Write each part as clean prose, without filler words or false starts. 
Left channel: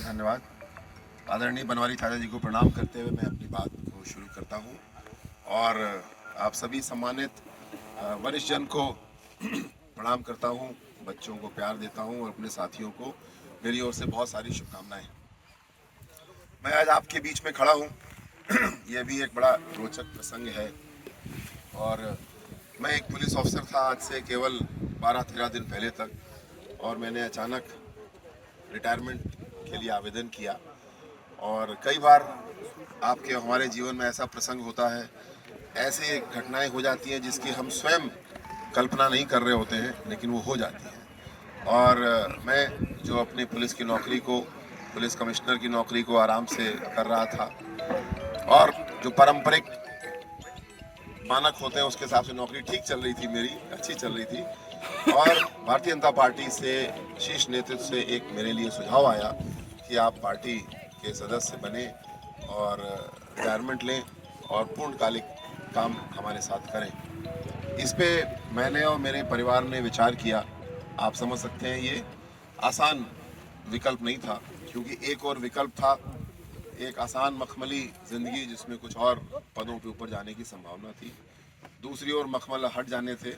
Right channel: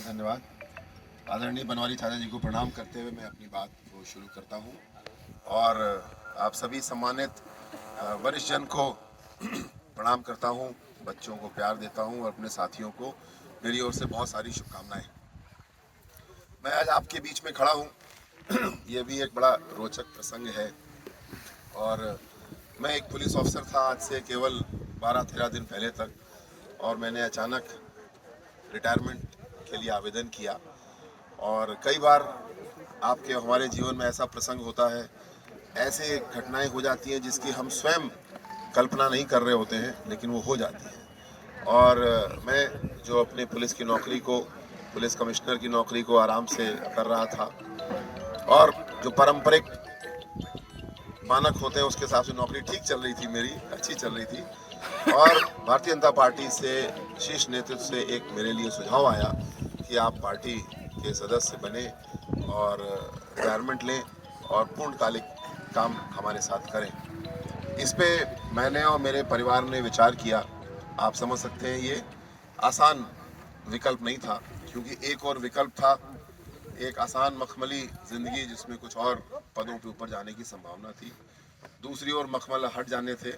बहुत धन्यवाद। आदरणीय बनवारी चाचा जी को प्रणाम करते हुए मैं अपनी बात को शुरू करता हूं और आप सभी सम्मानित वरिष्ठ जन को प्रणाम करता हूं, बच्चों को प्यार देता हूं और अपने साथियों को मेरी ओर से बहुत सारी शुभकामनाएं। मैं आज आपके बीच में खड़ा हूं यह भी एक बड़ा रोचक प्रसंग है और मैं एक पुलिस ऑफिसर था आज से केवल 12-13 दिन पहले तक, और मैंने अचानक रिटायरमेंट के लिए आवेदन किया। और कई बार आपके हमारे जीवन में ऐसा प्रसंग होता है, ऐसे घटनाएं हो जाती हैं जिसकी हम स्वयं कल्पना नहीं कर रहे होते हैं, लेकिन वो हो जाती हैं। और मैं जो अपनी पुलिस की नौकरी को, पुलिस कमिश्नर की नौकरी को आराम से कर रहा था और जो पारंपरिक मानक होते हैं उसके हिसाब से नौकरी ठीक चल रही थी, मेरी अच्छी चल रही थी। और भारतीय जनता पार्टी से शीर्ष नेतृत्व से एक मेरे लिए सुझाव आया कि आप पार्टी के सदस्य बने और रिटायरमेंट लें और पूर्णकालिक काम हमारे साथ करें। इस पे मैंने और मेरे परिवार ने विचार किया। आप समझ सकते हैं ये आसान विकल्प नहीं था, क्योंकि एक और विकल्प था, एक आसान मखमली जिंदगी जिसमें कुछ और पदों पे ऊपर जाने की संभावना थी। दूसरी ओर मखमल हट जाने थे,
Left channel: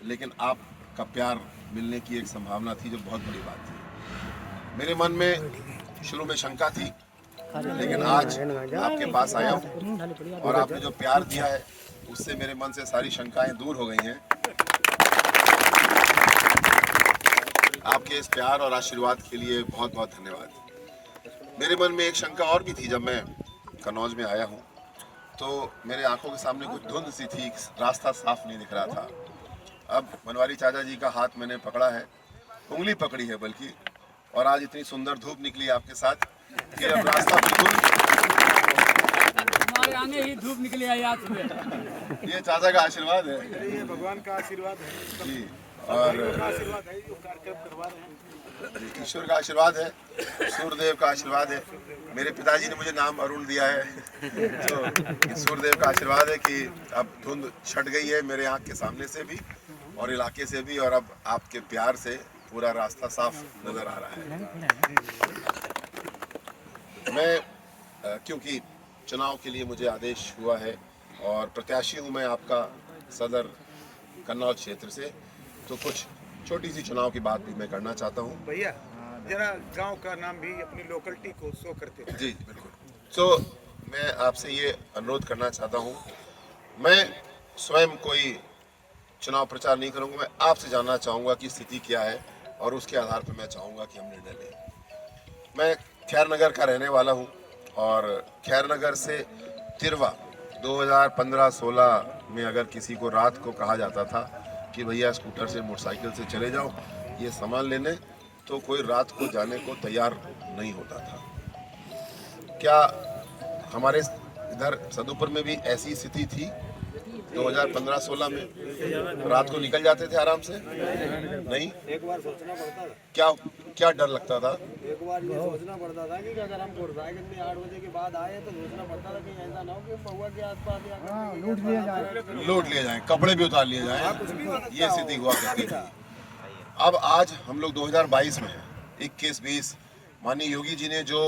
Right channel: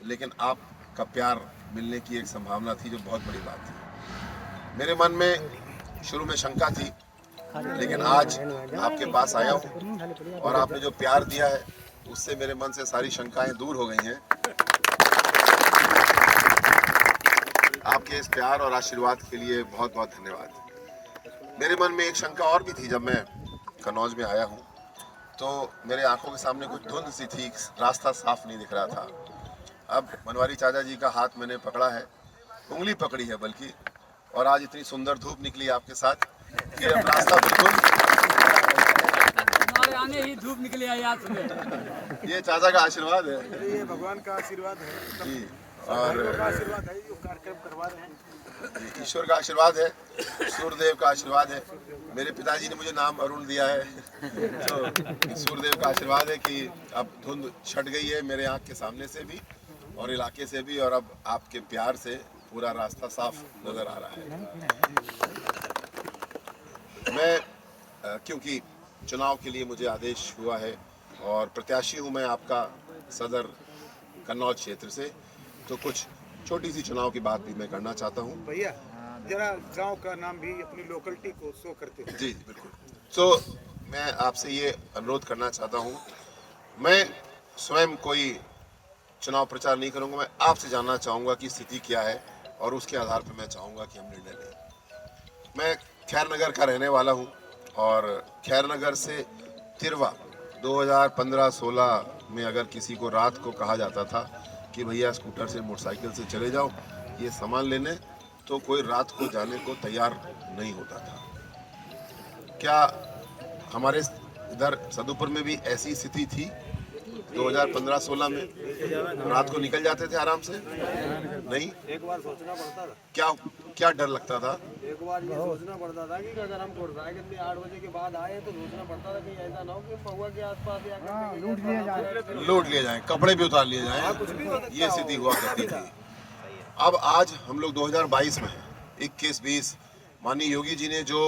लेकिन आपका प्यार मिलने की एक संभावना थी जो बहुत बड़ी बात थी। मेरे मन में शुरू में शंका थी, लेकिन आज आपके पास आया हूँ और आपने जो प्यार दिया है उससे मेरे मन से सारी शंकाएं दूर हो गई हैं। आपके इस प्यार और आशीर्वाद के लिए बहुत बहुत धन्यवाद। मेरे मन में एक शंका और भी थी। जब मैं कन्नौज में आया हूँ तो मेरे आंखों के सामने कुछ धुंध सी थी, रास्ता साफ नहीं दिख रहा था। अब बनवारी चाचा जी का हाथ मैंने पकड़ा है, उंगली पकड़ी है बल्कि, और आज इतनी सुंदर धूप निकली आपके साथ कि अब रास्ता बिल्कुल हमारे आने ही धूप निकली है याद सुबह। ये चाचा का आशीर्वाद है, ये भगवान का आशीर्वाद है जी, और और का आशीर्वाद है जो कार्यक्रम करवा रहे हैं। ईश्वर का आशीर्वाद है, सूर्यदेव का आशीर्वाद है। मेरे पिताजी ने मुझे नाम अरुण दिया है, तो सूर्यदेव का आशीर्वाद है कि अब धुंध छट गई है मेरे आँख के सामने से भी और इलाके से भी, और अब आपके प्यार से पूरा रास्ता साफ नजर आ रहा है। मैं क्योंकि चुनाव के लिए मुझे आदेश हुआ है और प्रत्याशी हूँ मैं आपका सदर कन्नौज क्षेत्र से, तो कुछ छोटी सी चुनाव की बात भी मैं करना चाहता हूँ। भैया जरा गांव का नाम भी अपनी लोकलिटी को शो करते हैं। जी बिल्कुल। तो मैं आपसे ये अनुरोध करना चाहता हूँ, मैं स्वयं कोई चुनाव प्रचार नहीं करूँगा, मैं आपसे जानना चाहूँगा कि स्थिति क्या है और उसके आधार पर मैं चाहूँगा कि हम निर्णय लें। मैं खैर नगर का रहने वाला हूँ और खैर नगर से तिरवा 2015-16 में अगर किसी को रात को कहा जाता था कि भैया स्कूटर से मोटरसाइकिल से चले जाओ ये सामान लेने, तो कोई रात को जाने को तैयार नहीं होता था। क्या हमारे इधर सदुपुर में भी ऐसी स्थिति थी 2015-16 में? रात को निकल जाते थे आराम से? नहीं। एक बार सोचना पड़ता था, क्या क्या डर लगता था? एक बार ये सोचना पड़ता था कि अगर हम मोटरसाइकिल में 8 बजे के बाद आए तो सोचना पड़ता था कि ऐसा ना हो कि महुआ के आसपास या लूट लिए जाएं, कपड़े भी उतार लिए जाएं, ये स्थिति हुआ करती थी। अब आज हम लोग 2022 में हैं, 21-20, माननीय योगी जी ने जो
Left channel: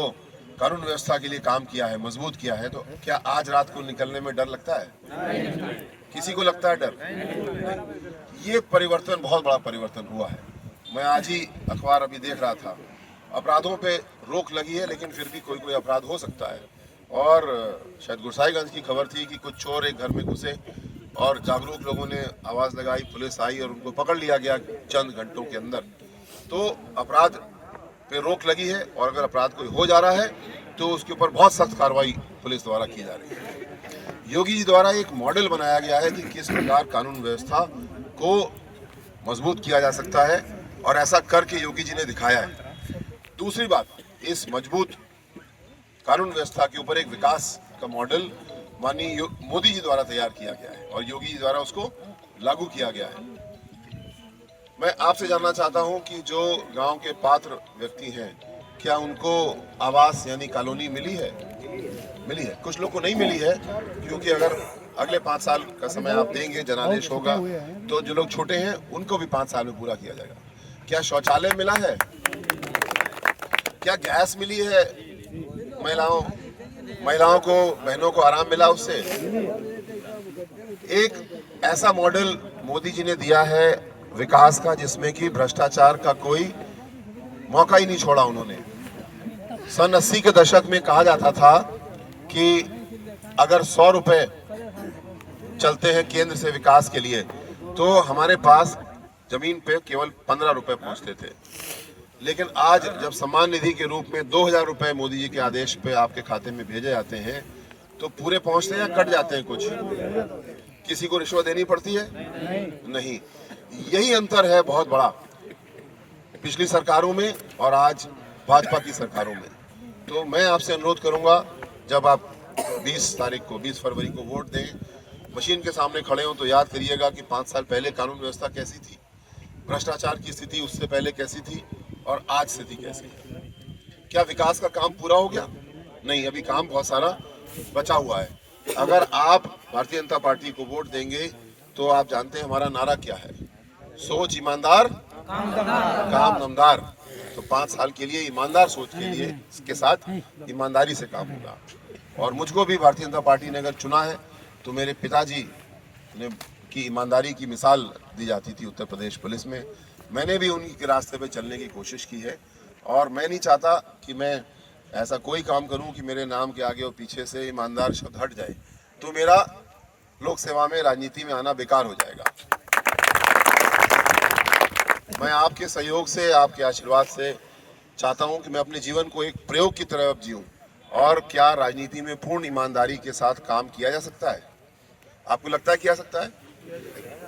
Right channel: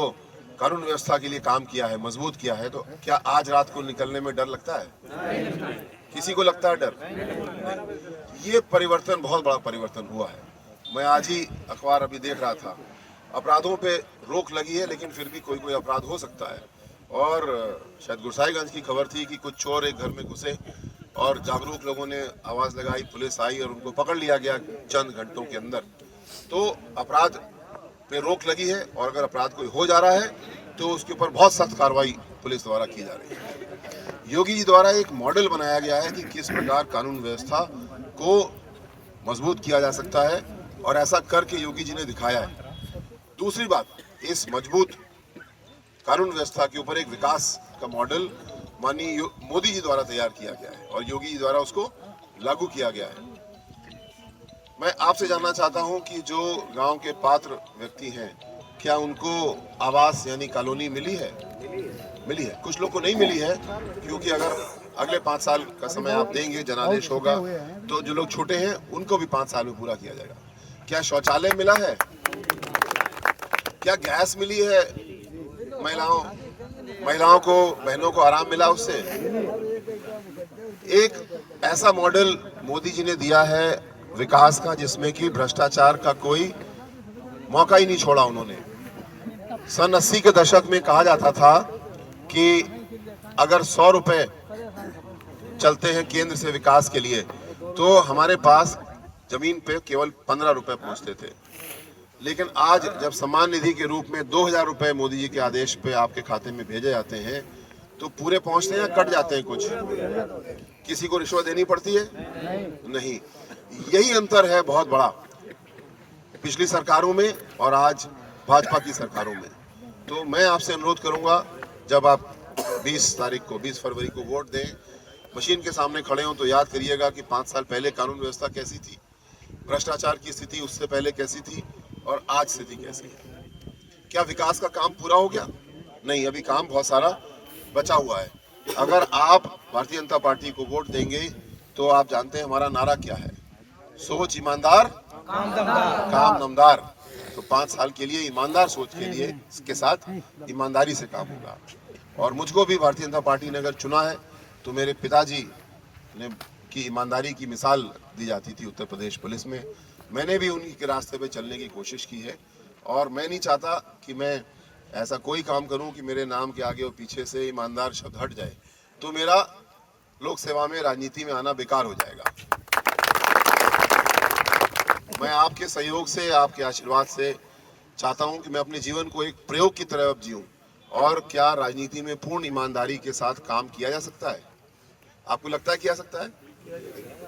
कानून व्यवस्था के लिए काम किया है, मजबूत किया है, तो क्या आज रात को निकलने में डर लगता है? किसी को लगता है डर? ये परिवर्तन, बहुत बड़ा परिवर्तन हुआ है। मैं आज ही अखबार अभी देख रहा था, अपराधों पे रोक लगी है लेकिन फिर भी कोई कोई अपराध हो सकता है। और शायद गुरसाईगंज की खबर थी कि कुछ चोर एक घर में घुसे और जागरूक लोगों ने आवाज़ लगाई, पुलिस आई और उनको पकड़ लिया गया चंद घंटों के अंदर। तो अपराध पे रोक लगी है और अगर अपराध कोई हो जा रहा है तो उसके ऊपर बहुत सख्त कार्रवाई पुलिस द्वारा की जा रही है। योगी जी द्वारा एक मॉडल बनाया गया है कि किस प्रकार कानून व्यवस्था को मजबूत किया जा सकता है और ऐसा करके योगी जी ने दिखाया है। दूसरी बात, इस मजबूत कानून व्यवस्था के ऊपर एक विकास का मॉडल माननीय मोदी जी द्वारा तैयार किया गया है और योगी जी द्वारा उसको लागू किया गया है। मैं आपसे जानना चाहता हूं कि जो गांव के पात्र व्यक्ति हैं, क्या उनको आवास यानी कॉलोनी मिली है? मिली है। कुछ लोग को नहीं मिली है, क्योंकि अगर अगले 5 साल का समय आप देंगे, जनादेश होगा, तो जो लोग छोटे हैं उनको भी 5 साल में पूरा किया जाएगा। क्या शौचालय मिला है? क्या गैस मिली है महिलाओं को, बहनों को आराम मिला उससे? एक ऐसा मॉडल मोदी जी ने दिया है विकास का जिसमें कि भ्रष्टाचार का कोई मौका ही नहीं छोड़ा उन्होंने। सन 80 के दशक में कहा जाता था कि अगर 100 रुपए चलते हैं केंद्र से विकास के लिए तो हमारे पास जमीन पे केवल 15 रुपए पहुंचते थे। लेकिन आज जब सम्मान निधि के रूप में 2000 रुपए मोदी जी के आदेश पे आपके खाते में भेजे जाते हैं तो पूरे पहुंचते हैं या कट जाते हैं? कुछ किसी को रिश्वत देनी पड़ती है? नहीं। यही अंतर है बहुत बड़ा पिछली सरकारों में और आज भाजपा की सरकारों में। तो मैं आपसे अनुरोध करूंगा, जब आप 20 फरवरी को वोट दें, मशीन के सामने खड़े हों तो याद करिएगा कि 5 साल पहले कानून व्यवस्था कैसी थी, भ्रष्टाचार की स्थिति उससे पहले कैसी थी और आज स्थिति कैसी है। क्या विकास का काम पूरा हो गया? नहीं, अभी काम बहुत सारा बचा हुआ है। अगर आप भारतीय जनता पार्टी को वोट देंगे तो आप जानते हैं हमारा नारा क्या है, सोच ईमानदार काम नमदार। तो 5 साल के लिए ईमानदार सोच के लिए इसके साथ ईमानदारी से काम होगा। और मुझको भी भारतीय जनता पार्टी ने अगर चुना है तो मेरे पिताजी ने की ईमानदारी की मिसाल दी जाती थी उत्तर प्रदेश पुलिस में। मैंने भी उन्हीं के रास्ते पे चलने की कोशिश की है और मैं नहीं चाहता कि मैं ऐसा कोई काम करूं कि मेरे नाम के आगे और पीछे से ईमानदार शब्द हट जाए तो मेरा लोक सेवा में, राजनीति में आना बेकार हो जाएगा। मैं आपके सहयोग से, आपके आशीर्वाद से चाहता हूं कि मैं अपने जीवन को एक प्रयोग की तरह अब जीऊं। और क्या राजनीति में पूर्ण ईमानदारी के साथ काम किया जा सकता है? आपको लगता है किया सकता है?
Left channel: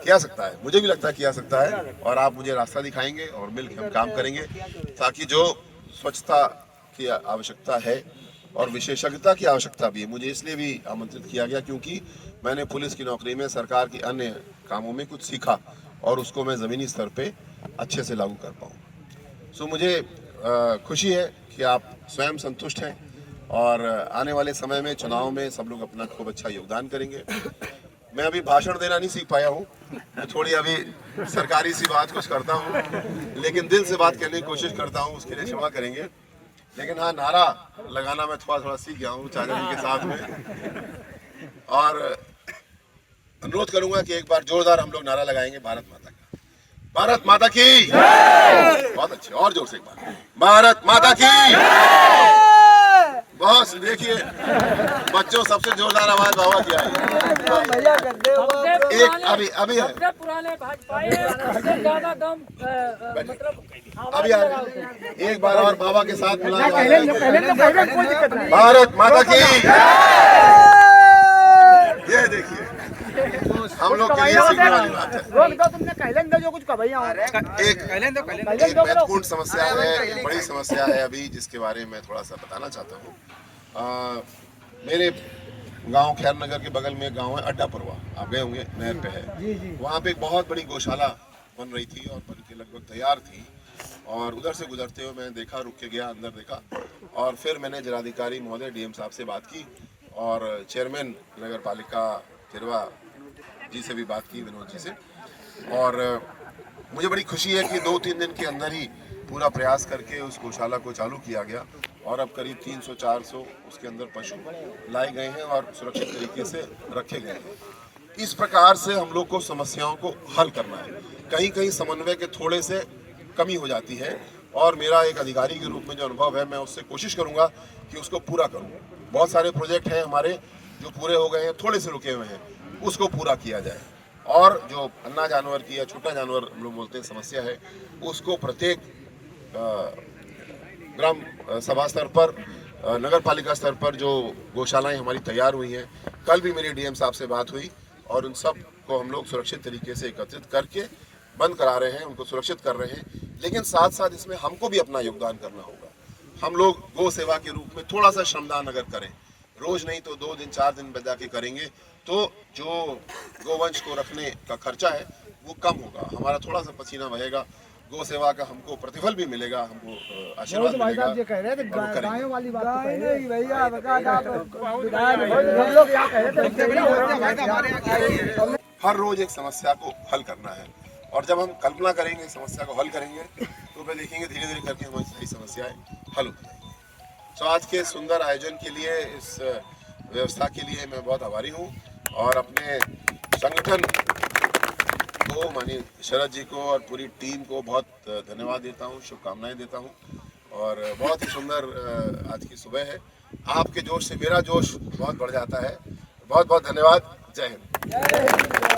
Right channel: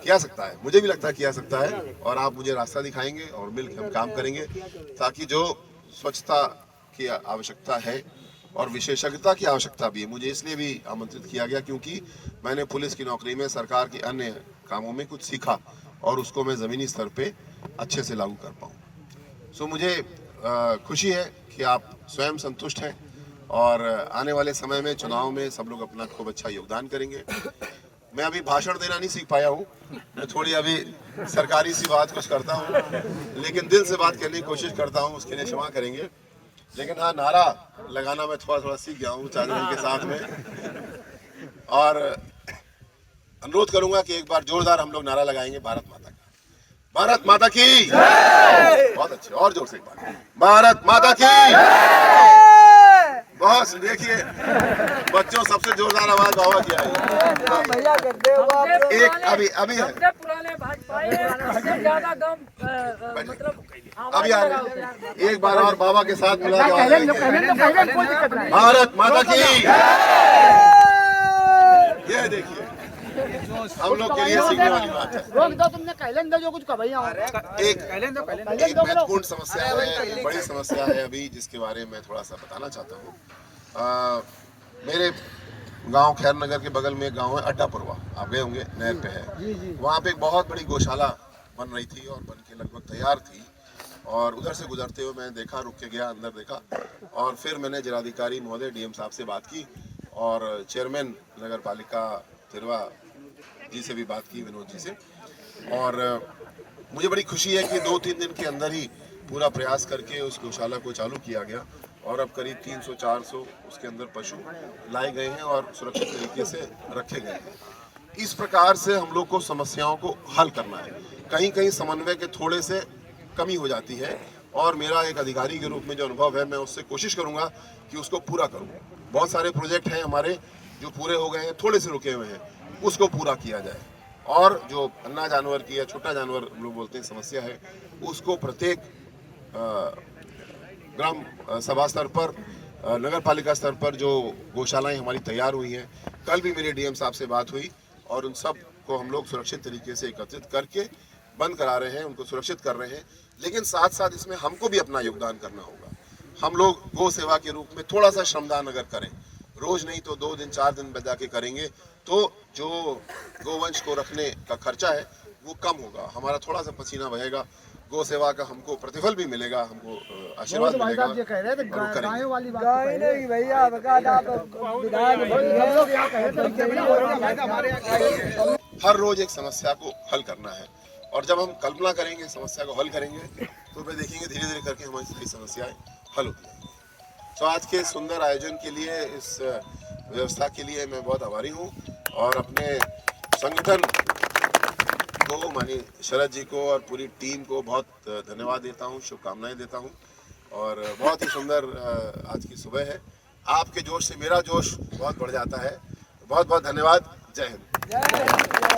किया सकता है, मुझे भी लगता है किया सकता है। और आप मुझे रास्ता दिखाएंगे और मिलकर हम काम करेंगे ताकि जो स्वच्छता की आवश्यकता है और विशेषज्ञता की आवश्यकता भी है। मुझे इसलिए भी आमंत्रित किया गया क्योंकि मैंने पुलिस की नौकरी में सरकार के अन्य कामों में कुछ सीखा और उसको मैं ज़मीनी स्तर पे अच्छे से लागू कर पाऊँ। सो मुझे खुशी है कि आप स्वयं संतुष्ट हैं और आने वाले समय में चुनाव में सब लोग अपना खूब अच्छा योगदान करेंगे। मैं अभी भाषण देना नहीं सीख पाया हूँ, मैं थोड़ी अभी सरकारी सी बात कुछ करता हूँ, लेकिन दिल से बात करने की कोशिश करता हूँ, उसके लिए क्षमा करेंगे। लेकिन हाँ, नारा लगाना मैं थोड़ा सीख गया हूँ चाचा के साथ में। और अनुरोध करूंगा कि एक बार जोरदार हम लोग नारा लगाएंगे, भारत माता का, भारत माता की बहुत अच्छे, और जोर से एक बार, भारत माता की। बस देखिए बच्चों सबसे जोरदार आवाज बाबा की आई। एक अभी है, पुराने भाजपाई ज्यादा कम मतलब अभी आ रहे, एक बार और बाबा के साथ मिला जाए, भारत माता की। ये देखिए हम लोग के लिए सीखने वाली बात है। जो कुछ एक महत्वपूर्ण समस्या है, एक बड़ी समस्या है अभी जिसके बारे में थोड़ा सा बताना चाहता हूँ। मेरे गांव खैर नगर के बगल में एक गांव है अड्डापुरवा, आप गए होंगे, नहर पे है। वहाँ पे एक बहुत बड़ी गौशाला बन रही थी और बन के लगभग तैयार थी। और उधर से गुजरते हुए मैंने देखा, रुक के गया, अंदर देखा और फिर मैंने जिलाधिकारी महोदय डीएम साहब से बात की और चेयरमैन नगर पालिका तिरवा जी से भी बात की, विनोद जी से। और मुझे बड़ी खुशी है कि 2-3 दिन के अंदर ही पूरा प्रयास करके उस गौशाला को चालू किया गया और अब करीब 300-400 उसके अंदर पशु लाए गए हैं और सुरक्षित तरीके से रखे गए हैं। इस प्रकार से हम लोग को समस्याओं को हल करना है। कहीं कहीं समन्वय के थोड़े से कमी हो जाती है और मेरा एक अधिकारी के रूप में जो अनुभव है, मैं उससे कोशिश करूंगा कि उसको पूरा करूं। बहुत सारे प्रोजेक्ट हैं हमारे जो पूरे हो गए हैं, थोड़े से रुके हुए हैं, उसको पूरा किया जाए। और जो अन्ना जानवर की या छोटा जानवर हम लोग बोलते हैं समस्या है, उसको प्रत्येक ग्राम सभा स्तर पर, नगर पालिका स्तर पर जो गौशालाएं हमारी तैयार हुई हैं, कल भी मेरी डीएम साहब से बात हुई और उन सब को हम लोग सुरक्षित तरीके से एकत्रित करके बंद करा रहे हैं, उनको सुरक्षित कर रहे हैं। लेकिन साथ साथ इसमें हमको भी अपना योगदान करना होगा। हम लोग गौ सेवा के रूप में थोड़ा सा श्रमदान अगर करें, रोज नहीं तो 2 दिन 4 दिन बजा के करेंगे, तो जो गोवंश को रखने का खर्चा है वो कम होगा, हमारा थोड़ा सा पसीना बहेगा, गौ सेवा का हमको प्रतिफल भी मिलेगा, हमको आशीर्वाद मिलेगा और करेंगे। हर रोज एक समस्या को हल करना है और जब हम कल्पना करेंगे, समस्या को हल करेंगे, तो फिर देखेंगे धीरे धीरे करके हमारी सारी समस्याएं हल होती हैं। तो आज के सुंदर आयोजन के लिए, इस व्यवस्था के लिए मैं बहुत आभारी हूँ और अपने संगठन को, माननीय शरद जी को और पूरी टीम को बहुत धन्यवाद देता हूँ, शुभकामनाएं देता हूँ। और बहुत ही सुंदर आज की सुबह है। आपके जोश से मेरा जोश बहुत बढ़ जाता है। बहुत बहुत धन्यवाद। जय हिंद।